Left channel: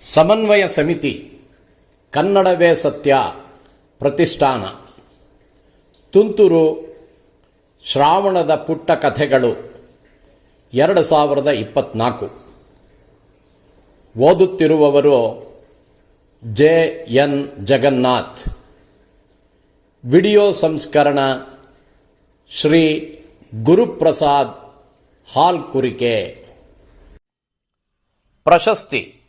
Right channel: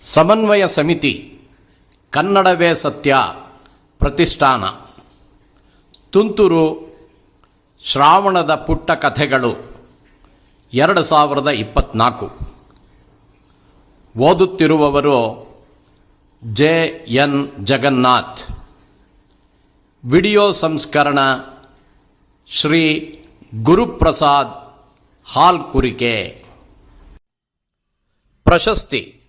ಸಮನ್ವಯ ಸಮಿತಿ, ಕನ್ನಡವೇ ಸತ್ಯ ಪ್ರತಿಷ್ಠಾನ. ತುಂತುರು ಶ್ರಾವಣದ ಪುಟ್ಟ ಕಥೆಗಳು, ಎರಡು ಸಾವಿರದ ಇಪ್ಪತ್ನಾಲ್ಕು. ಓದುತ್ತಿರುವವರು ಜೆ. ಎನ್. ಜಗನ್ನಾಥ್. ವಿಡಿಯೋ ಸಂಸ್ಕರಣ ಶ್ರೀ ಗುರುಪ್ರಸಾದ್ ಹಾಲ್ಕುರಿಕೆ. ಪ್ರಶಸ್ತಿ.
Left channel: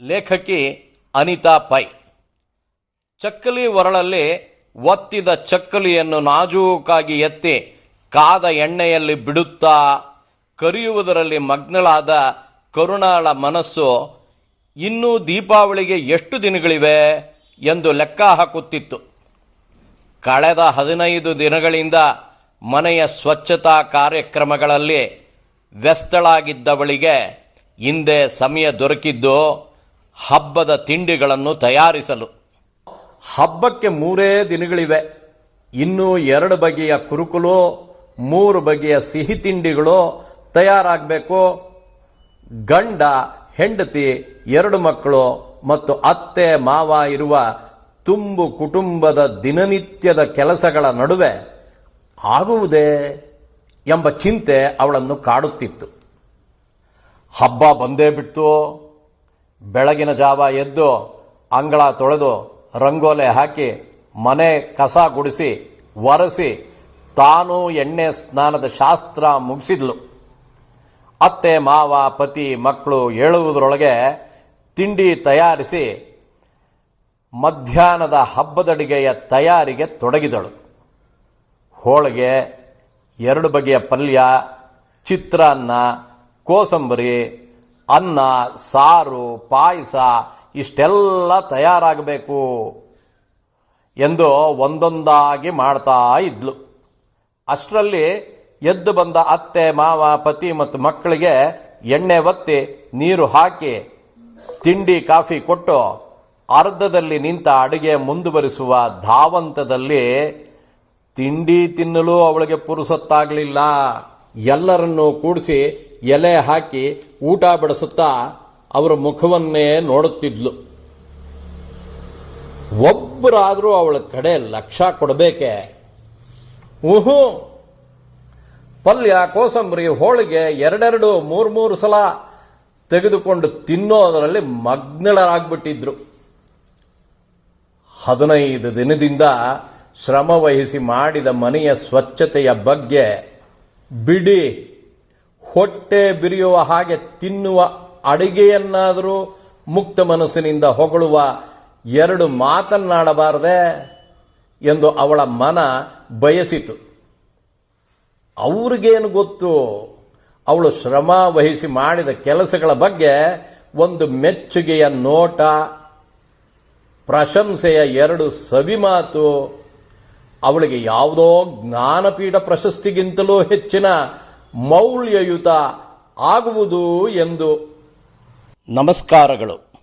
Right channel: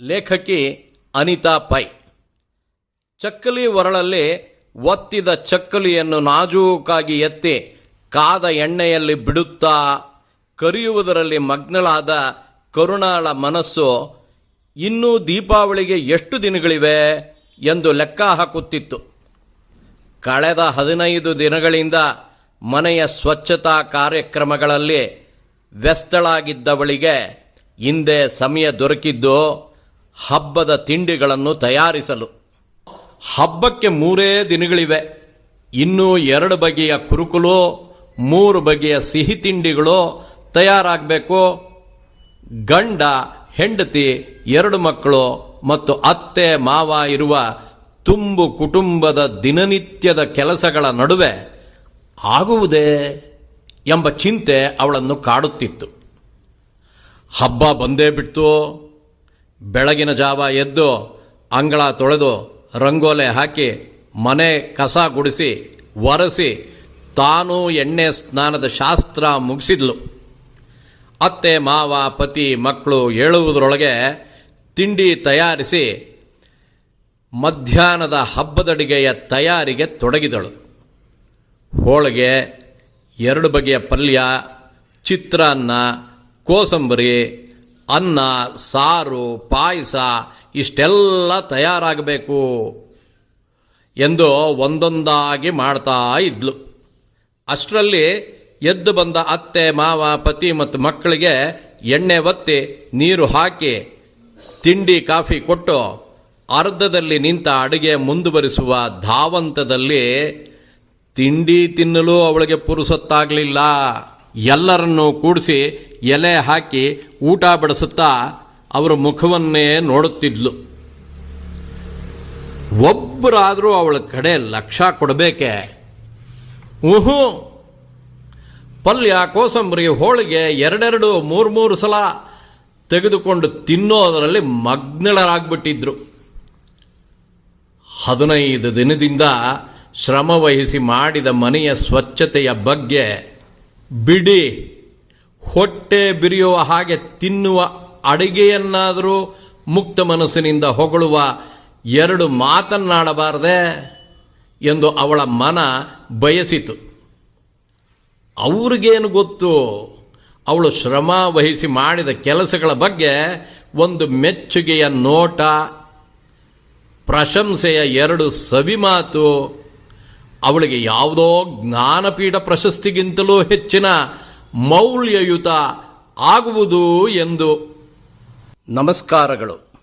ಲೇಖಕಿ ಅನಿತಾ ಪೈ. ಚಕ್ಕಲಿ ಒರಳಲ್ಲಿ ಒತ್ತಿದ ಚಕ್ಕಲಿಯನ್ನು ನಾಜೂಕಾಗಿ ಎತ್ತಿ ಕಾದ ಎಣ್ಣೆಯಲ್ಲಿ ಬಿಡುತ್ತಾ ಕರಿಯುವುದರಲ್ಲಿ ಮಗ್ನಳಾದ ಕರುಣಾಳ ಮನಸ್ಸು, ಇನ್ನೂ ದೀಪಾವಳಿಗೆ ಎಷ್ಟು ದಿನಗಳಿವೆ? ಎಂದು ಲೆಕ್ಕ ಹಾಕುತ್ತಿತ್ತು. ಕಳೆದ ಹದಿನೈದು ದಿನಗಳಿಂದ ಮನೆಯ ಸ್ವಚ್ಛತಾ ಕಾರ್ಯಕ್ರಮಗಳಲ್ಲಿ ವ್ಯಸ್ತಳಾಗಿದ್ದವಳಿಗೆ ಹಿಂದೆ ಸಮಯ ದೊರಕಿದ್ದು ಹಬ್ಬದ ತಿಂಡಿಗಳನ್ನು ತಯಾರಿಸಲು. ಹಬ್ಬಕ್ಕೆ ಮೂರೇ ದಿನಗಳಿವೆ. ಇನ್ನೂ ಎರಡು ಬಗೆಯ ಕುರುಕುಲು, ಮೂರು ಬಗೆಯ ಸಿಹಿ ತಿಂಡಿಗಳು ತಯಾರಾಗಬೇಕು. ಗಂಡ, ಹೆಂಡತಿ, ಎರಡು ಮಕ್ಕಳು ಮತ್ತು ಅತ್ತೆ, ಮಾವ ಇರುವ ತುಂಬು ಕುಟುಂಬದ ದಿನನಿತ್ಯದ ಕೆಲಸಗಳ ನಡುವೆ ಆಗುವುದೇ ಎಂಬ ಚಿಂತೆ ಅವಳನ್ನು ಕಾಡುತ್ತಿತ್ತು. ಹಬ್ಬ ಬಂದೇ ಬಿಡ್ತು. ಬೆಳಗಿನ ಜಾವ ಎದ್ದು ಅಂಗಳ ತೊಳೆದು ರಂಗೋಲೆ ಹಾಕಿ ಮನೆ ಕಸ ಗುಡಿಸಿ ಒರೆಸಿ ತಾನು ಎಣ್ಣೆ ಸ್ನಾನದ ಶಾಸ್ತ್ರ ಮುಗಿಸಿದ್ಲು. ಅತ್ತೆ, ಮಾವ, ಪತಿ ಮಕ್ಕಳು ಹೇಳುವುದರೊಳಗೆ ತಿಂಡಿ ತಯಾರಿಸಿ ಮಧ್ಯಾಹ್ನದ ಹಬ್ಬದಡಿಗೆಯ ತಯಾರಿಗೆ ತೊಡಗಿದಳು. ಹೋಳಿಗೆ, ಎರಡು ಬಗೆಯ ಪಲ್ಯ, ಚಿತ್ರಾನ್ನ, ಕೋಸಂಬರಿ ಅನ್ನ, ಸಾರು, ಪಾಯಸ ಇಷ್ಟೆಲ್ಲ ತಯಾರಾಗಬೇಕು ಎಂದು ಒಂದೊಂದಾಗಿ ಮಾಡ್ತಾ ಇದ್ಲು. ಅಷ್ಟರಲ್ಲಿ ಎದ್ದು ಬಂದ ಅತ್ತೆ, ಮಾವ, ಪತಿ ಮತ್ತು ಮಕ್ಕಳಿಗೆ ಎಣ್ಣೆ ಒತ್ತಿ ನೀರು ಹಾಕಿ ತಿಂಡಿ, ಕಾಫಿ ಕೊಟ್ಟು ಅರ್ಧದಲ್ಲಿ ನಿಂತ ಅಡುಗೆ ಮುಂದುವರಿಸುವ ಧಾವಂತದಲ್ಲಿ ತಿಂಡಿ ತಿನ್ನಲು ಅವಳಿಗೆ ಪುರುಸೊತ್ತಾಗಲಿಲ್ಲ. ಎಲ್ಲರನ್ನೂ ಕೂಡಿಸಿ ಎಲೆ ಹಾಕಿ ಊಟ ಬಡಿಸುತ್ತಾ ಅವರ ಮುಖವನ್ನೇ ನೋಡುತ್ತಿದ್ಲು. ಒಬ್ಬರಾದರೂ ಅವಳ ಕಡೆ ಲಕ್ಷ ಕೊಡಬೇಕೆ? ಊಹು ಪಲ್ಯ ಕೋಸಂಬರಿ ಹೋಳಿಗೆ ಎರಡೆರಡು ಮೂರು ಮೂರು ಸಲ ತೆಗೆದುಕೊಂಡು ತಿನ್ನೋದರಲ್ಲಿ ಮಗ್ನಳರಾಗ್ಬಿಟ್ಟಿದ್ರು. ಹದಿನೈದು ದಿನದಿಂದ ಶ್ರಮವಹಿಸಿ ಮಾಡಿದ ಮನೆಯ ಸ್ವಚ್ಛತೆಯ ಬಗ್ಗೆ ಬಿಡಿ, ಹೊಟ್ಟೆ ಬಿರಿಯುವ ಹಾಗೆ ತಿನ್ನುವ ಅಡಿಗೆಯನ್ನಾದರೂ ಮುಕ್ತ ಮನಸ್ಸಿನಿಂದ ಹೊಗಳುವ ಎರಡು ಮಾತನ್ನಾಡಬಾರದೆ ಎಂದು ಅವಳ ಮನ ಬಯಸಿತು. ಅವ್ರಿಗೇನು ಗೊತ್ತು? ಅವಳು ಶ್ರಮ ವಹಿಸಿ ಮಾಡಿದ ಕೆಲಸಗಳ ಬಗ್ಗೆ ಒಂದು ಮೆಚ್ಚುಗೆಯ ನೋಟ, ಪ್ರಶಂಸೆಯ ಎರಡು ಸವಿಮಾತು ಅವಳಿಗೆ ಯಾವುದೋ ಜ್ಞಾನಪೀಠ ಪ್ರಶಸ್ತಿಗಿಂತಲೂ ಹೆಚ್ಚಿನ ಮೌಲ್ಯಯುತ ಆಗುವುದು ಎಂದು. ನಮಸ್ಕಾರಗಳು.